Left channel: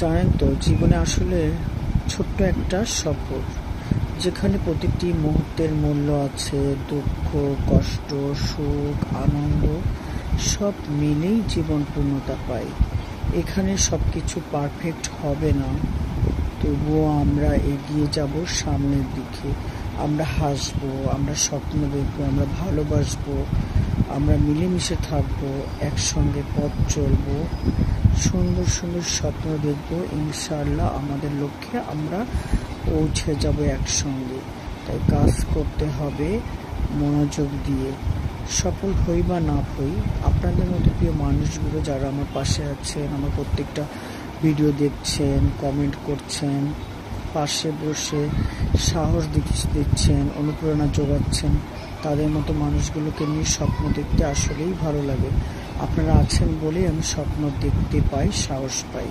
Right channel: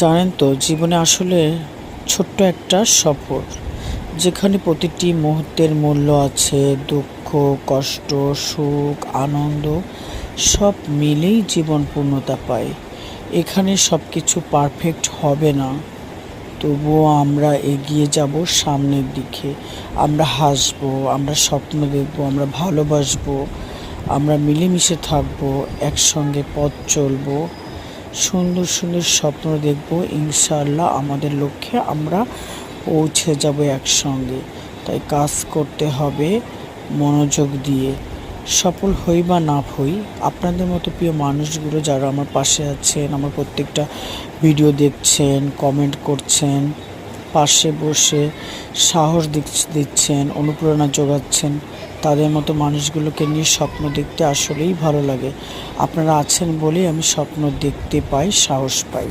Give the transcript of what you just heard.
জানেন তো, জীবনে আসলে ছোট্ট একটা সফর, যেখানে প্রতিটি মুহূর্তের মূল্য আছে। দুঃখ, কষ্ট, সুখ, আনন্দ সব মিলেই জীবন পূর্ণতা পায়। এখানে সব কিছু পারফেক্ট হবে না, তবুও আমরা এগিয়ে যাব সামনের দিকে। আমরা হাসবো, আমরা স্বপ্ন দেখবো, আমরা ভালোবাসবো, আমরা মিলেমিশে থাকবো, একসঙ্গে পথ চলবো, সুন্দর সুন্দর স্বপ্ন দেখব। ইনশাআল্লাহ আমাদের লক্ষ্যে আমরা পৌঁছে যাব একসঙ্গে। তাই কাজ করতে হবে মনোযোগ দিয়ে। সফল হই বা না হই, আপনাদের মতো প্রিয় মানুষগুলো যারা আমার পাশে আছেন, আমার প্রত্যেকটা ভিডিও দেখছেন, কমেন্ট করছেন, পাশে বসে সাহস দিচ্ছেন, অনুপ্রেরণা যোগাচ্ছেন, তাদের মতো মানুষগুলোকে নিয়ে স্বপ্ন দেখতে আসলেই ভালো লাগে। আপনারা আছেন বলেই আমি স্বপ্ন দেখতে পাই, সাহস পাই।